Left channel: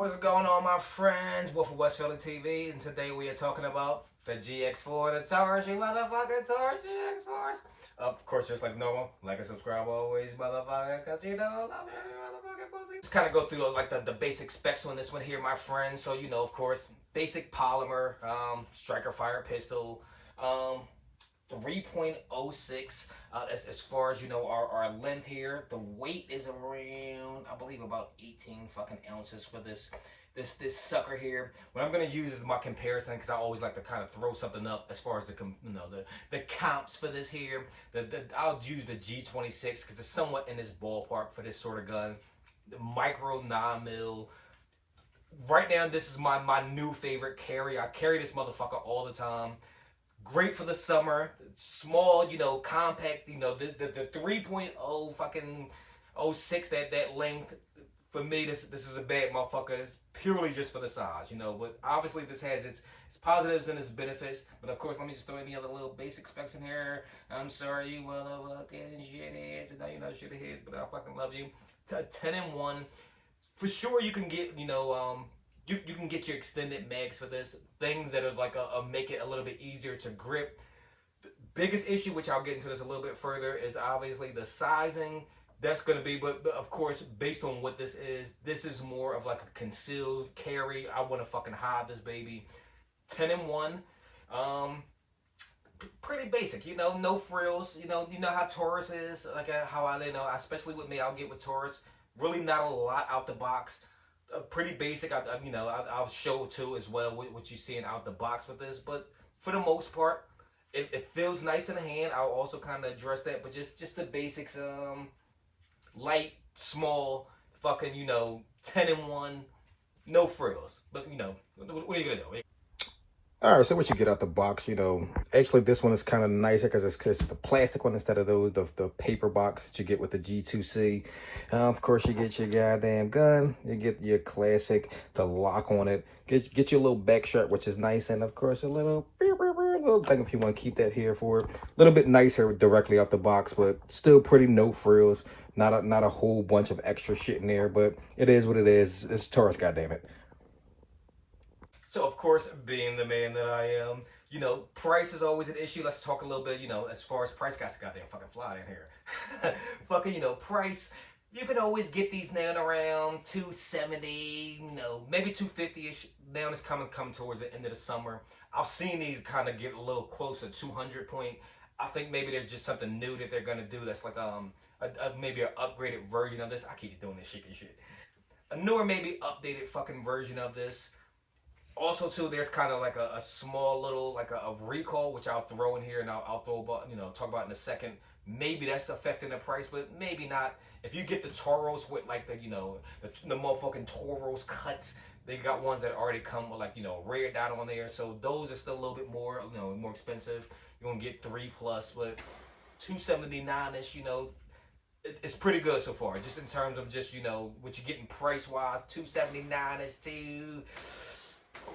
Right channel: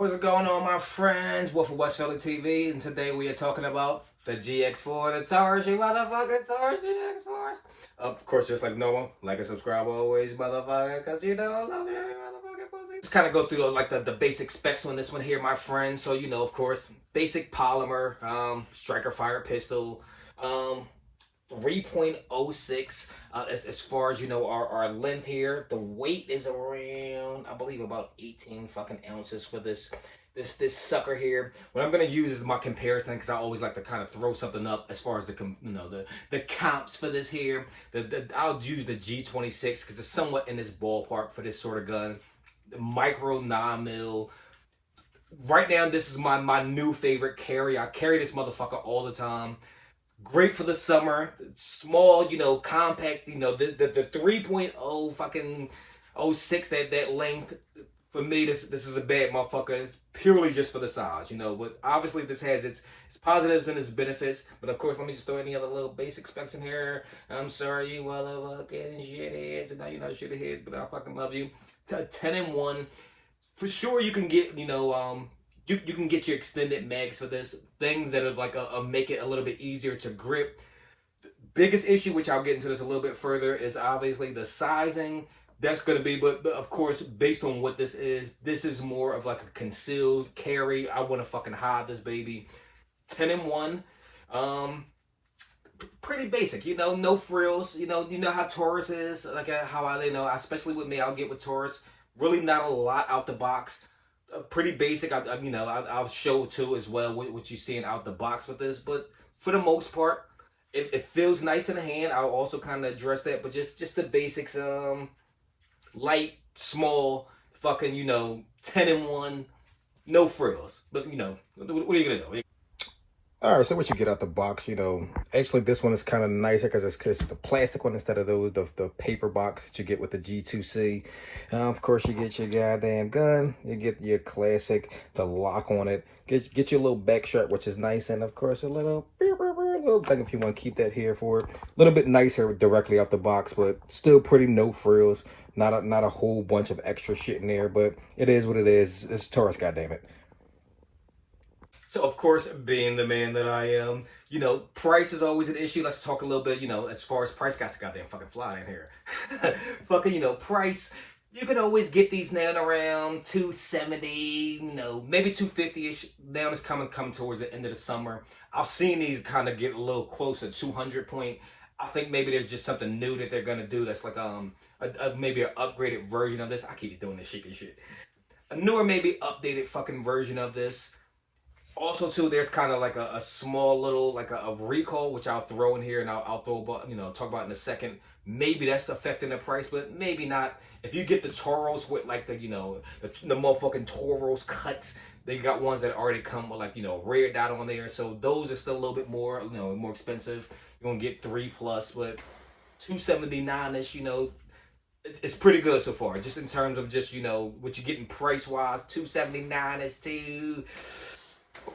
What's going on, my friends? Wolf of West Philly TV, and today we are talking about the GX4, the Taurus, you motherfucking Taurus GX4s. Of course, just like normal, like and subscribe always, motherfucker, because you know I love you, motherfucking pussy. Let's kind of go through like the basic specs on this one here, my friends. So, you know, of course, basic polymer, striker fire pistol, 3.06 as far as you know our length here. The weight is around, I believe, about 18 fucking ounces for this sucker here. What I'm gonna use is my comparison, because I always like to kind of throw something up as far as the comps for this here. I'll use the G26 because it's somewhat in this ballpark for this sort of gun. The micro 9mm. Right now, this is my new favorite carry. I carry this motherfucker all the time. Great for the summer, small, you know, compact, you know, the 3.0 fucking 06, that length. For me, this is a bad motherfucker. It's purely just for the size, you know. But obviously, this has its positives and its benefits. But of course, let me just throw any other little basic specs in here. I'm sorry, you motherfucking shitheads. I know you're not shitheads, but I fucking love you. 10-in-1. For sure, you can get, you know, you can get your extended mags for this. Things that are like make it a little bit easier to grip. The biggest issue, which I'll get into this a little bit further, is obviously the sizing. That's going to be, but of course, based on what this is more of like a concealed carry. I want to fucking hide this baby. 10-in-1. Pretty basic, you know, no frills. You know how Taurus is, like how especially with me, I'll get with Taurus. Really not a lot out the box. Pretty basic. I'll show too as well what you're seeing out the box with this, but for the most part, it feels nice in the hand. I'll also kind of address that, but just the basics. Light, small, fucking, you know, 10-in-1, no frills. But you know, what are you gonna do? All right, so what you get out the box, you know, actually this one is kind of nicer because it's the plastic one instead of the paper box that you get with the G2C. Of course, you get your goddamn gun, you get your classic, the lock on it, get your little back strap, which is nice, and of course a little thing if you want to keep that here for a little bit nicer directly out the box, but still pretty no frills, not a whole bunch of extra shit in there, but it is what it is. It's Taurus, goddammit. So, of course, being the man that I am, you know, price is always an issue. Let's talk a little bit, you know, as far as price. Got goddamn fucking fly in here. Fucking, you know, price. You can always get these now around $270, you know, maybe $250-ish. Now it's coming towards the end of the summer. I've seen these kind of get a little closer, 200 point. I think maybe there's just something new that they're going to do that's like maybe an upgraded version of this. I keep doing this shit. A newer, maybe updated fucking version of this. Also, too, there's kind of like a small little, like a recall, which I'll throw in here and I'll throw about, you know, talk about in a second. Maybe that's affecting the price, but maybe not. If you get the Toros with like the, you know, the motherfucking Toros cuts, they got ones that already come with like, you know, rare dot on there. So those are still a little bit more, you know, more expensive. You're going to get 3+, but $279-ish, you know, it's pretty good so far. Just in terms of just, you know, what you're getting price-wise, $279-ish to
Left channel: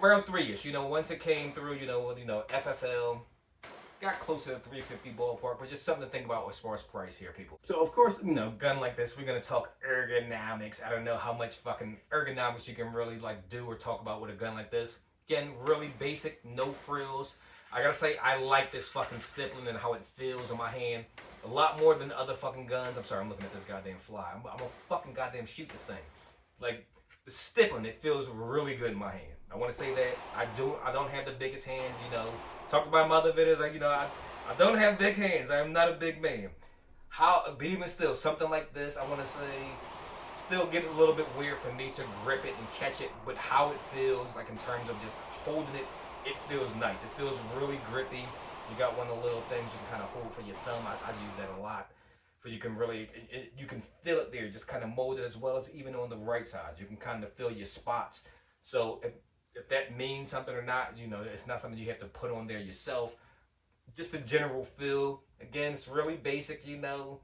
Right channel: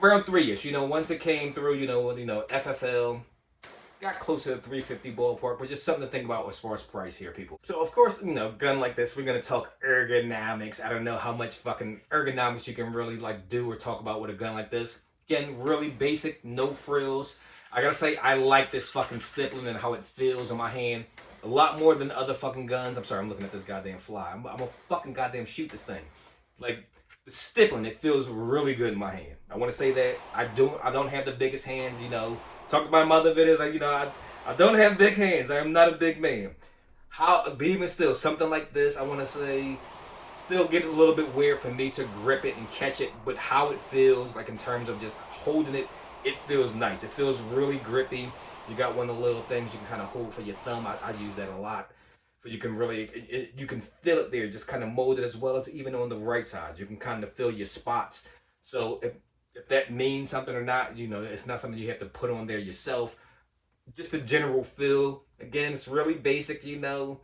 around 3-ish, you know. Once it came through, you know, FFL got closer to $350 ballpark, but just something to think about as far as price here, people. So of course, you know, gun like this, we're gonna talk ergonomics. I don't know how much fucking ergonomics you can really like do or talk about with a gun like this. Again, really basic, no frills. I gotta say, I like this fucking stippling and how it feels on my hand a lot more than other fucking guns. I'm sorry, I'm looking at this goddamn fly. I'm gonna fucking goddamn shoot this thing. Like, the stippling, it feels really good in my hand. I want to say that I don't have the biggest hands, you know. Talked about my other videos, like, you know, I don't have big hands. I am not a big man. But even still, something like this, I want to say, still get a little bit weird for me to grip it and catch it. But how it feels, like in terms of just holding it, it feels nice. It feels really grippy. You got one of the little things you can kind of hold for your thumb. I use that a lot. You can really, you can feel it there, just kind of mold it, as well as even on the right side. You can kind of feel your spots. So if that means something or not, you know, it's not something you have to put on there yourself. Just the general feel. Again, it's really basic, you know.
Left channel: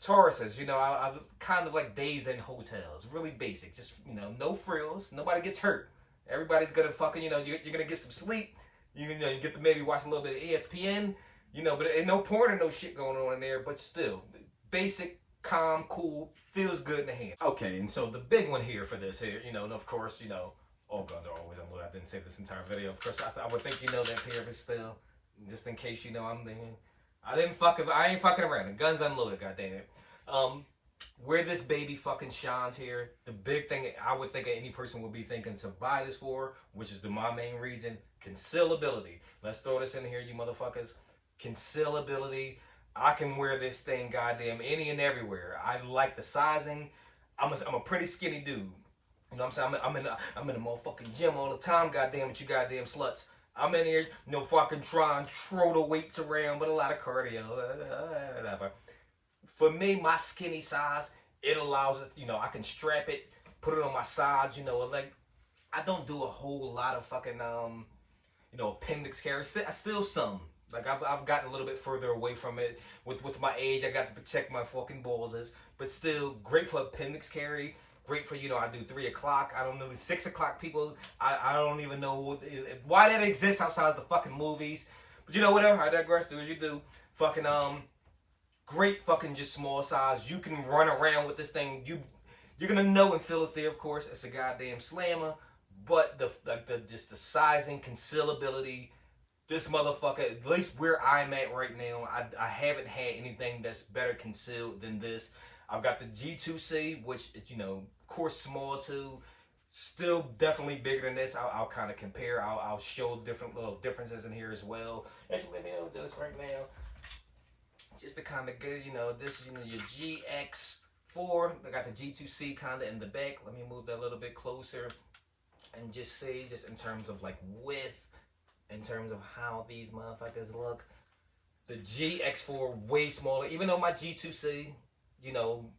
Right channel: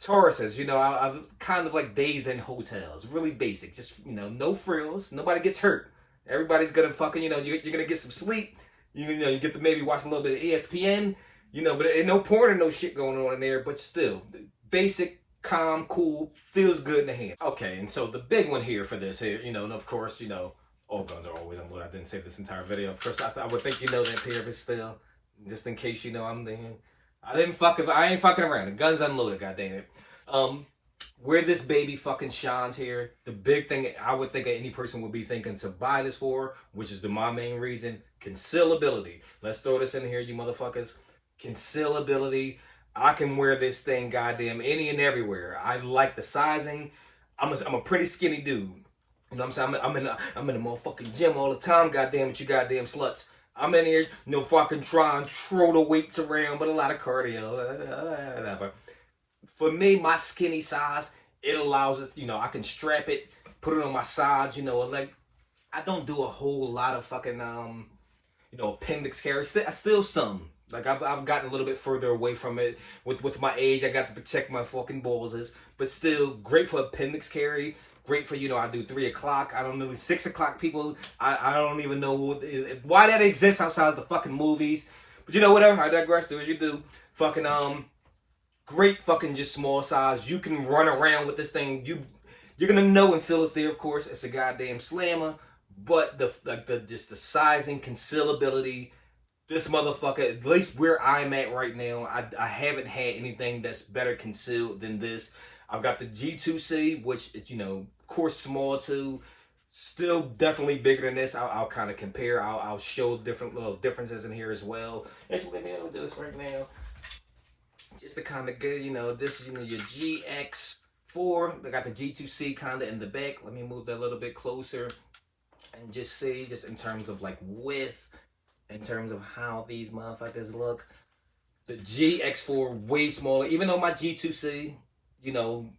Tauruses, you know, I've kind of like days in hotels. Really basic. Just, you know, no frills. Nobody gets hurt. Everybody's gonna fucking, you know, you're gonna get some sleep. You know, you get to maybe watch a little bit of ESPN. You know, but ain't no porn and no shit going on in there. But still, basic calm, cool, feels good in the hand. Okay, and so the big one here for this here, you know, and of course, you know, all guns are always unloaded. I didn't say this entire video. Of course, I would think you know that pair of it still, just in case you know I'm thinking. I ain't fucking around. The gun's unloaded, goddamn it. Where this baby fucking shines here, the big thing I would think any person would be thinking to buy this for, which is my main reason, concealability. Let's throw this in here, you motherfuckers. Concealability. I can wear this thing goddamn any and everywhere. I like the sizing. I'm a pretty skinny dude. You know what I'm saying? I'm in the motherfucking gym all the time, goddamn it, you goddamn sluts. I'm in here, you know, fucking trying to throw the weights around, but a lot of cardio, whatever. For me, my skinny size, it allows it, you know, I can strap it, put it on my sides, you know, like, I don't do a whole lot of fucking, you know, appendix carry. Still some. Like, I've gotten a little bit further away from it. With my age, I got to protect my fucking balls. But still, great for appendix carry. Great for, you know, I do 3 o'clock. I don't know, 6 o'clock people. I don't even know why that exists outside of the fucking movies. But, you know, whatever. I digress. Do as you do. Fucking, great fucking just small size. You can run around with this thing. You're gonna know and feel it's there, of course. It's a goddamn slammer. But just the sizing, concealability, this motherfucker, at least where I'm at right now, I haven't had anything that's better concealed than this. I've got the G2C, which is, you know, of course, small too. Still definitely bigger than this. I'll kind of compare. I'll show different little differences in here as well. Actually, maybe I'll do this right now. Just to kind of get, you know, this is, you know, your Gx4. They got the G2C kind of in the back. Let me move that a little bit closer and just see, just in terms of like width, in terms of how these motherfuckers look. The Gx4 way smaller, even though my G2C, you know,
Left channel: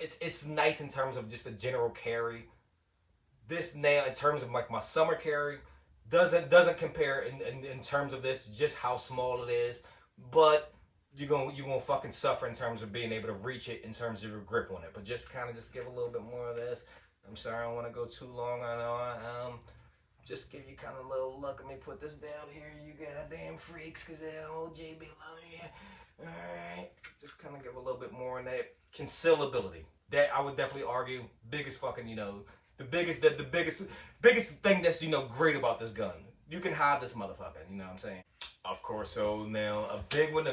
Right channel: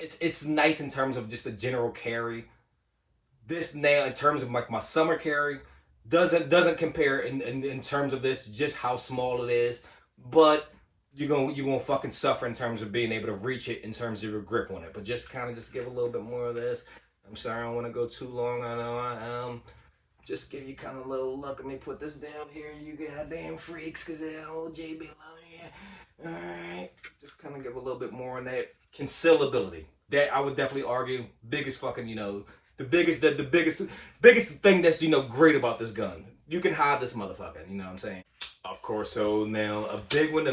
it's nice in terms of just a general carry. This now, in terms of like my summer carry, doesn't compare in terms of this, just how small it is. But you're gonna fucking suffer in terms of being able to reach it in terms of your grip on it. But just kind of just give a little bit more of this. I'm sorry, I don't want to go too long. I know I am. Just give you kind of a little look. Let me put this down here, you goddamn freaks, because that whole JB below here. Alright. Just kind of give a little bit more on that. Concealability. That I would definitely argue biggest fucking, you know, the biggest thing that's, you know, great about this gun. You can hide this motherfucker, you know what I'm saying? Of course, so now a big one,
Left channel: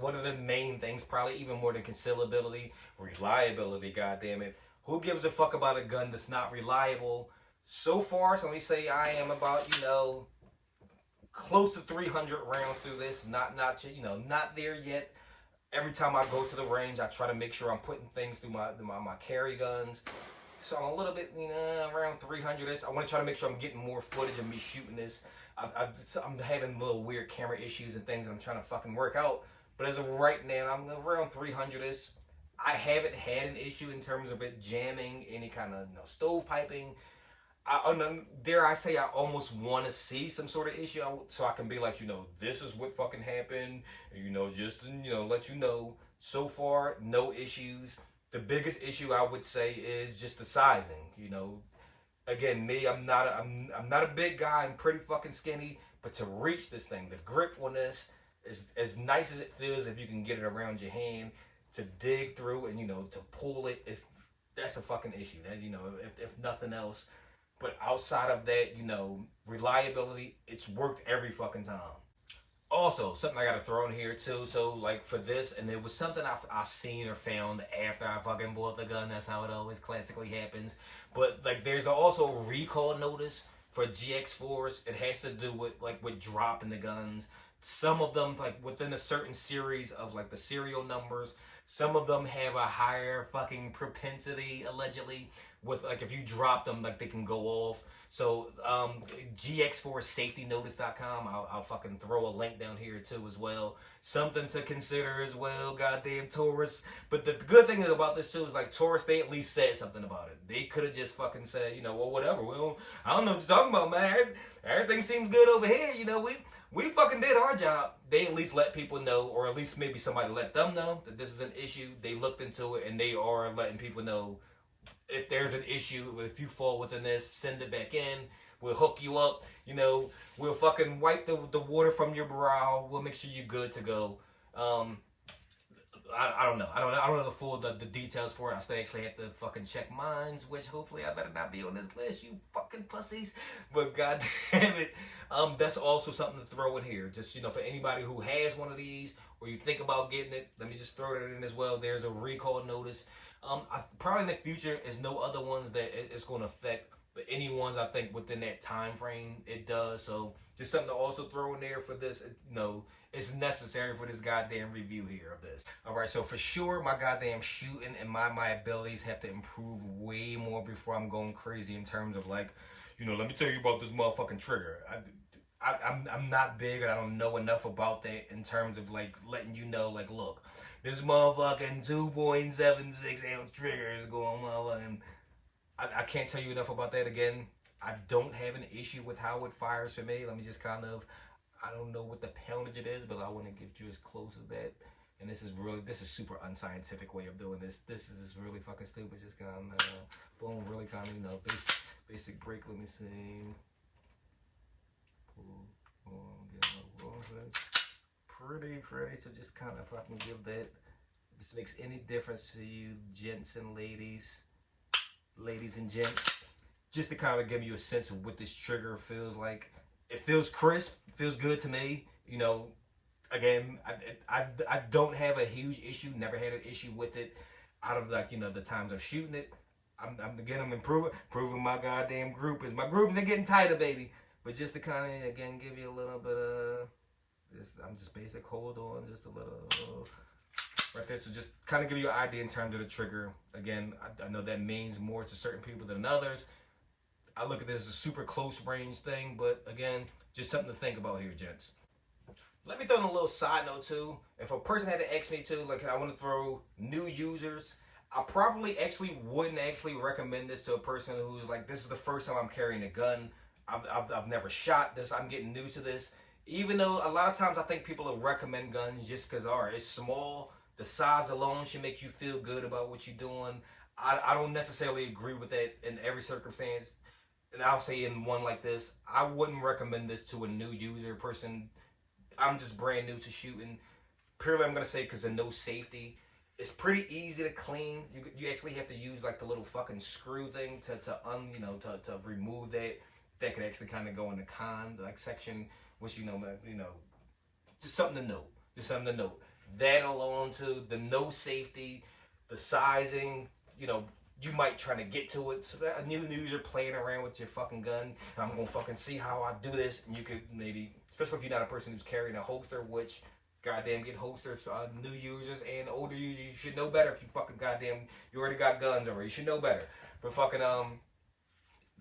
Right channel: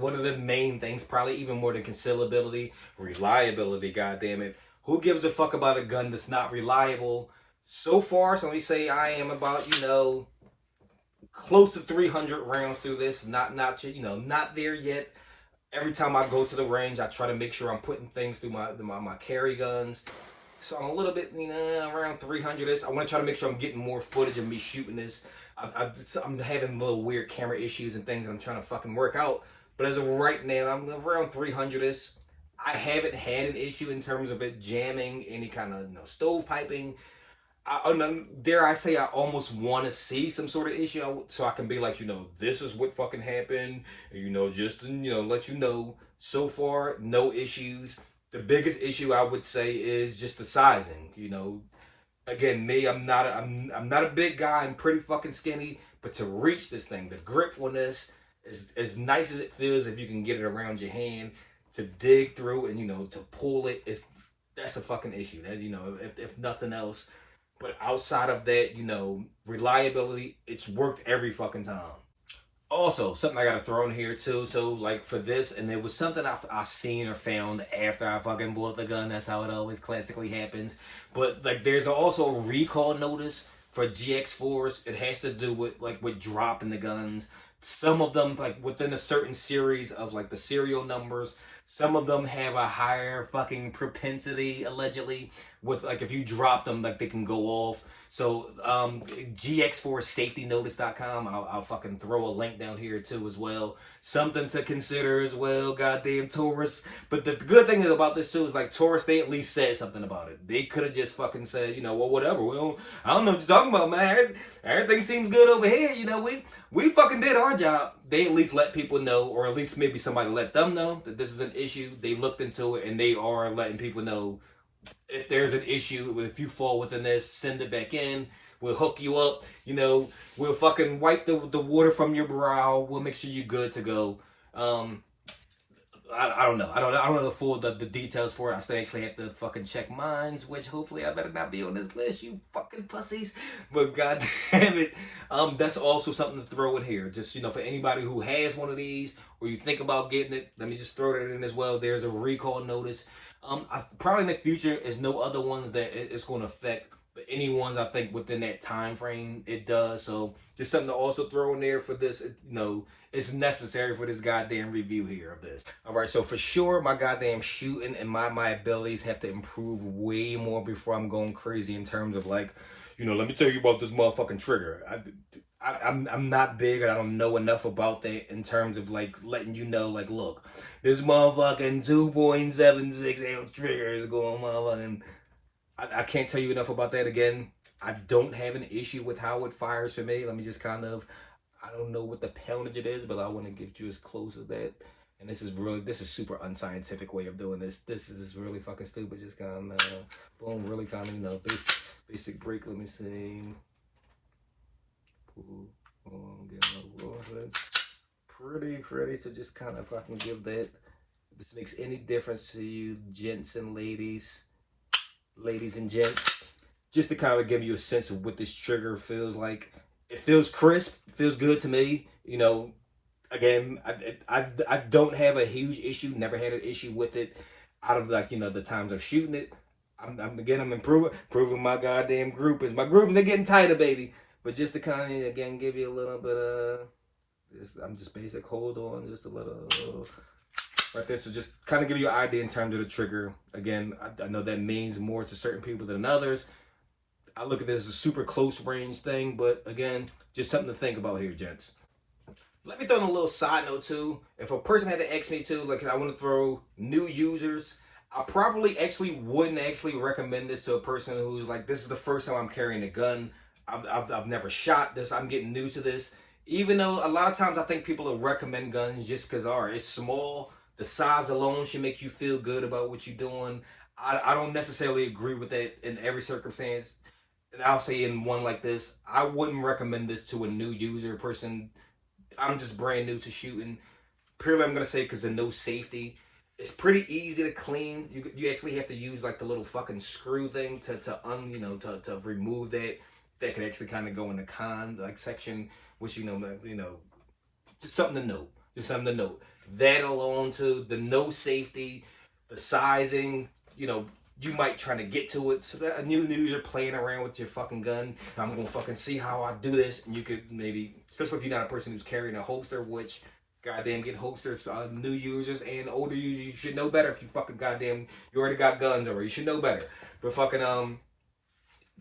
one of the main things, probably even more than concealability, reliability, goddamn it. Who gives a fuck about a gun that's not reliable? So far, so let me say I am about, you know, close to 300 rounds through this. Not you know, not there yet. Every time I go to the range, I try to make sure I'm putting things through my carry guns. So I'm a little bit, you know, around 300-ish. I want to try to make sure I'm getting more footage of me shooting this. I'm having little weird camera issues and things that I'm trying to fucking work out. But as of right now, I'm around 300-ish. I haven't had an issue in terms of it jamming, any kind of, you know, stove piping. Dare I say, I almost want to see some sort of issue so I can be like, you know, this is what fucking happened, and, you know, just to, you know, let you know. So far, no issues. The biggest issue I would say is just the sizing. You know, again, me, I'm not a big guy. I'm pretty fucking skinny, but to reach this thing, the grip on this is as nice as it feels if you can get it around your hand. To dig through and, you know, to pull it, that's a fucking issue. That, you know, if nothing else. But outside of that, you know, reliability, it's worked every fucking time. Also, something I gotta throw in here too. So, like, for this, and it was something I seen or found after I fucking bought the gun. That's how it always classically happens. But, like, there's also a recall notice for GX4s. It has to do with, like, with dropping the guns. Some of them, like, within a certain series of, like, the serial numbers, some of them have a higher fucking propensity, allegedly, with, like, if you drop them, like, they can go off. So, Gx4safetynotice.com, I'll fucking throw a link down here, too, as well. Something to consider as well, goddamn Taurus. But the good thing about this, too, is, like, Taurus, they at least said something about it. They could have just fucking said, you know, well, whatever. I don't know what you're talking about, man. Everything seems good over here, you know, we fucking did our job. They at least let people know, or at least maybe somebody let them know that this is an issue. They looked into it, and they are letting people know if there's an issue, if you fall within this, send it back in. We'll hook you up. You know, we'll fucking wipe the water from your brow. We'll make sure you're good to go. I don't know. I don't know the full the details for it. I still actually have to fucking check mines, which hopefully I better not be on this list, you fucking pussies. But god damn it, that's also something to throw in here. Just for anybody who has one of these or you think about getting it, let me just throw that in as well. There's a recall notice. Probably in the future is no other ones that it's going to affect, but any ones I think within that time frame it does. So just something to also throw in there for this. It's necessary for this goddamn review here of this. All right, so for sure my goddamn shooting and my abilities have to improve way more before I'm going crazy in terms of like, let me tell you about this motherfucking trigger. I'm not big and I don't know enough about that in terms of like letting you know, like, look, this motherfucking 2.76 ounce trigger is going motherfucking. I can't tell you enough about that. Again, I don't have an issue with how it fires for me. Let me just kind of, I don't know what the poundage it is, but I want to get you as close as that. And this is super unscientific way of doing this. This is really fucking stupid. Just kind of, boom, really kind of, basic break. Let me see. Pretty. So just kind of, if I can give that, if this makes any difference to you, gents and ladies and gents, just to kind of give you a sense of what this trigger feels like. It feels crisp, feels good to me. Again, I don't have a huge issue, never had an issue with it out of like, the times I'm shooting it. I'm improving my goddamn group. My group, they're getting tighter, baby. But just to kind of, again, give you a little bit of, I'm just basic, hold on, just a little, right there. So just kind of give you an idea in terms of the trigger. Again, I know that means more to certain people than others. I look at this as a super close range thing, but again, just something to think about here, gents. Let me throw in a little side note too. If a person had to ask me too, like I want to throw new users, I probably wouldn't recommend this to a person who's like, this is the first time I'm carrying a gun. I've never shot this. I'm getting new to this. Even though a lot of times I think people will recommend guns just because, all right, it's small. The size alone should make you feel good about what you're doing. I don't necessarily agree with that in every circumstance. And I'll say in one like this, I wouldn't recommend this to a new user person. I'm just brand new to shooting. Purely, I'm gonna say because of no safety. It's pretty easy to clean. You actually have to use like the little fucking screw thing to remove that. That could actually kind of go in the con like section, which just something to note. That alone too, the no safety, the sizing, you might try to get to it. So that a new user playing around with your fucking gun, I'm gonna fucking see how I do this, and you could maybe, especially if you're not a person who's carrying a holster, which goddamn get holsters, new users and older users, you should know better. If you fucking goddamn, you already got guns already, you should know better. But fucking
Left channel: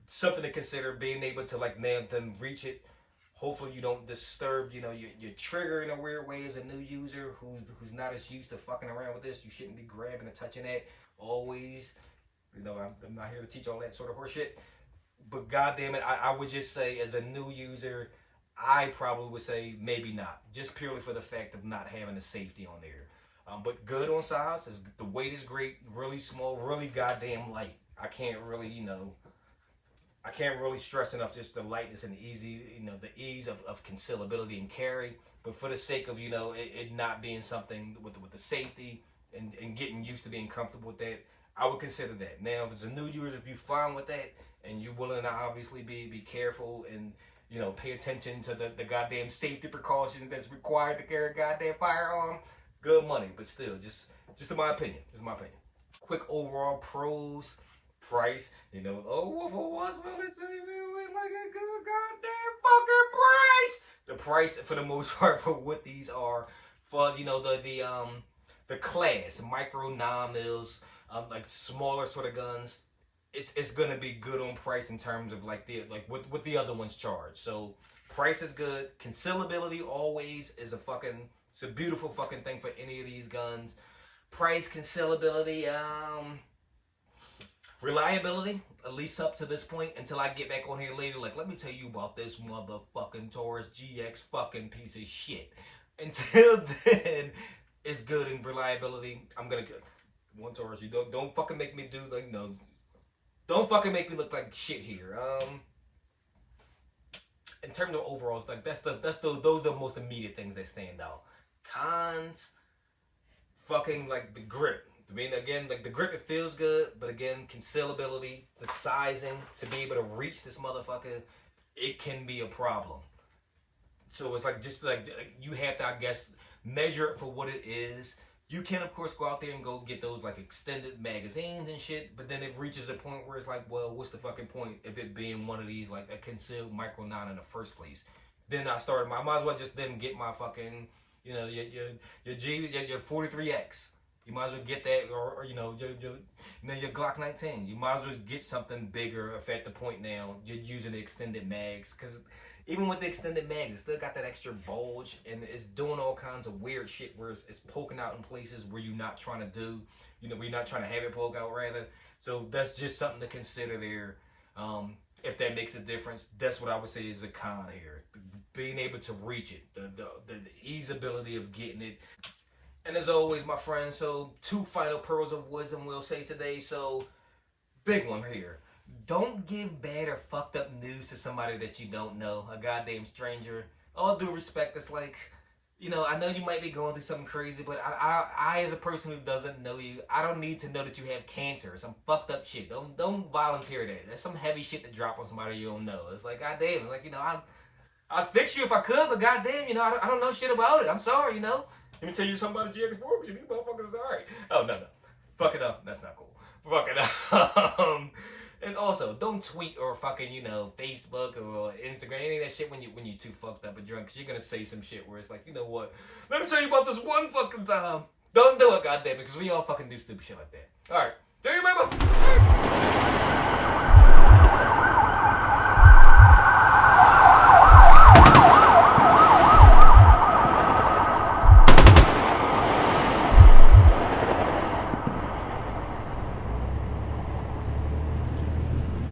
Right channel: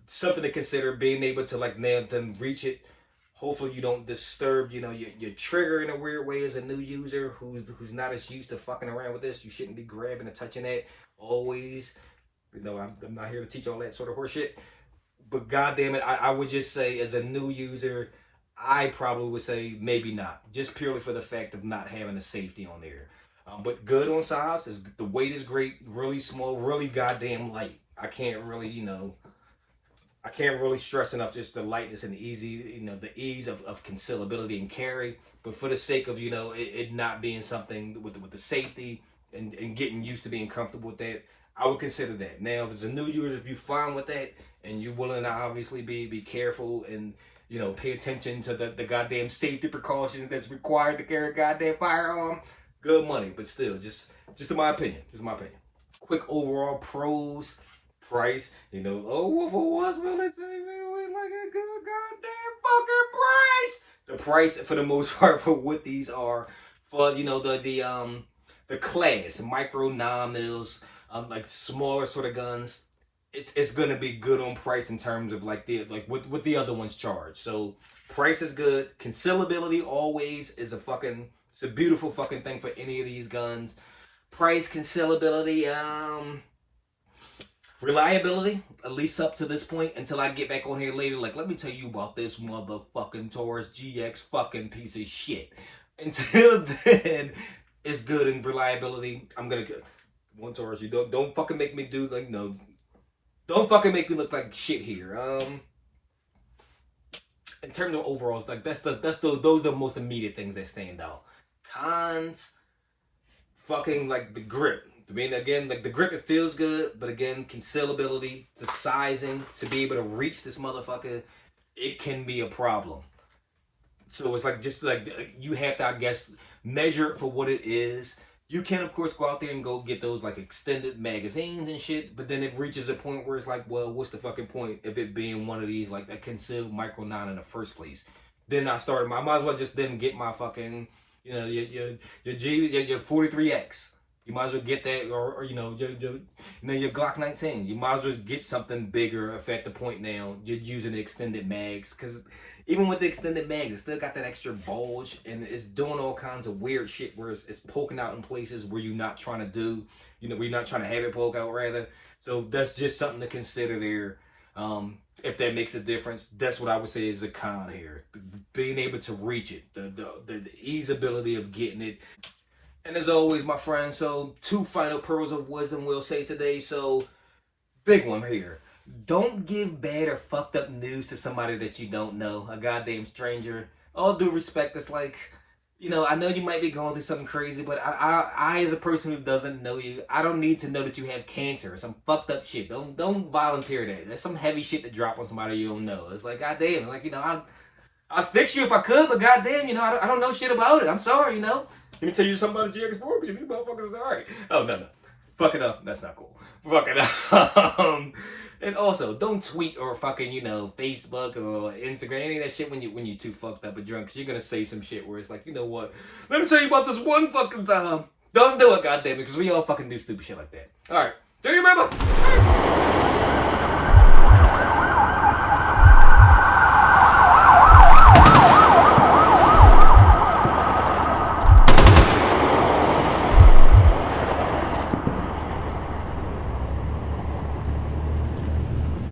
something to consider, being able to like nail them, reach it. Hopefully you don't disturb, your trigger in a weird way as a new user who's not as used to fucking around with this. You shouldn't be grabbing and touching that always. I'm not here to teach all that sort of horse shit. But goddamn it, I would just say as a new user, I probably would say maybe not. Just purely for the fact of not having the safety on there. But good on size. The weight is great, really small, really goddamn light. I can't really stress enough just the lightness and the easy, the ease of concealability and carry. But for the sake of, it not being something with the safety and getting used to being comfortable with that, I would consider that. Now, if it's a new user, if you're fine with that and you're willing to obviously be careful and, pay attention to the goddamn safety precautions that's required to carry a goddamn firearm, good money. But still, just in my opinion, Quick overall pros. Price, oh, Wolf of Wall Street, let's say, man, like a good goddamn fucking price. The price, for the most part, for what these are, for the class, micro 9mm, like smaller sort of guns, it's gonna be good on price in terms of like what the other ones charge. So price is good. Concealability always is it's a beautiful fucking thing for any of these guns. Price, concealability, reliability, at least up to this point, until I get back on here later, like, let me tell you about this motherfucking Taurus Gx fucking piece of shit. Until then, it's good in reliability. I'm gonna go. One Taurus, you don't fucking make me do like no. Don't fucking make me look like shit here. In terms of overalls, like those are the most immediate things that stand out. Cons. fucking like the grip. I mean, again, like the grip, it feels good, but again, concealability, the sizing to be able to reach this motherfucker, it can be a problem. So it's like just like you have to, I guess, measure it for what it is. You can, of course, go out there and go get those like extended magazines and shit, but then it reaches a point where it's like, well, what's the fucking point if it being one of these like a concealed micro 9 in the first place? Then I might as well just then get my fucking, you know, your 43X. You might as well get that, or you know, your Glock 19. You might as well get something bigger if at the point now you're using the extended mags, because even with the extended mags, it's still got that extra bulge, and it's doing all kinds of weird shit where it's poking out in places where you're not trying to do, you know, where you're not trying to have it poke out rather. So that's just something to consider there. If that makes a difference, that's what I would say is a con here. Being able to reach it, the easeability of getting it. And as always, my friends, so 2 final pearls of wisdom we'll say today. So, big one here. Don't give bad or fucked up news to somebody that you don't know, a goddamn stranger. All due respect, it's like, you know, I know you might be going through something crazy, but I as a person who doesn't know you, I don't need to know that you have cancer or some fucked up shit. Don't volunteer that. That's some heavy shit to drop on somebody you don't know. It's like, goddamn, like, you know, I'd fix you if I could, but goddamn, you know, I don't know shit about it. I'm sorry, you know. Let me tell you something about the Gx4 because you motherfuckers is alright. Oh, no. Fuck it up. That's not cool. Fuck it up. And also, don't tweet or fucking, you know, Facebook or Instagram, any of that shit when you too fucked up or drunk, because you're going to say some shit where it's like, you know what? Let me tell you about this one fucking time. Don't do it, goddammit, because we all fucking do stupid shit like that. Alright. Do you remember?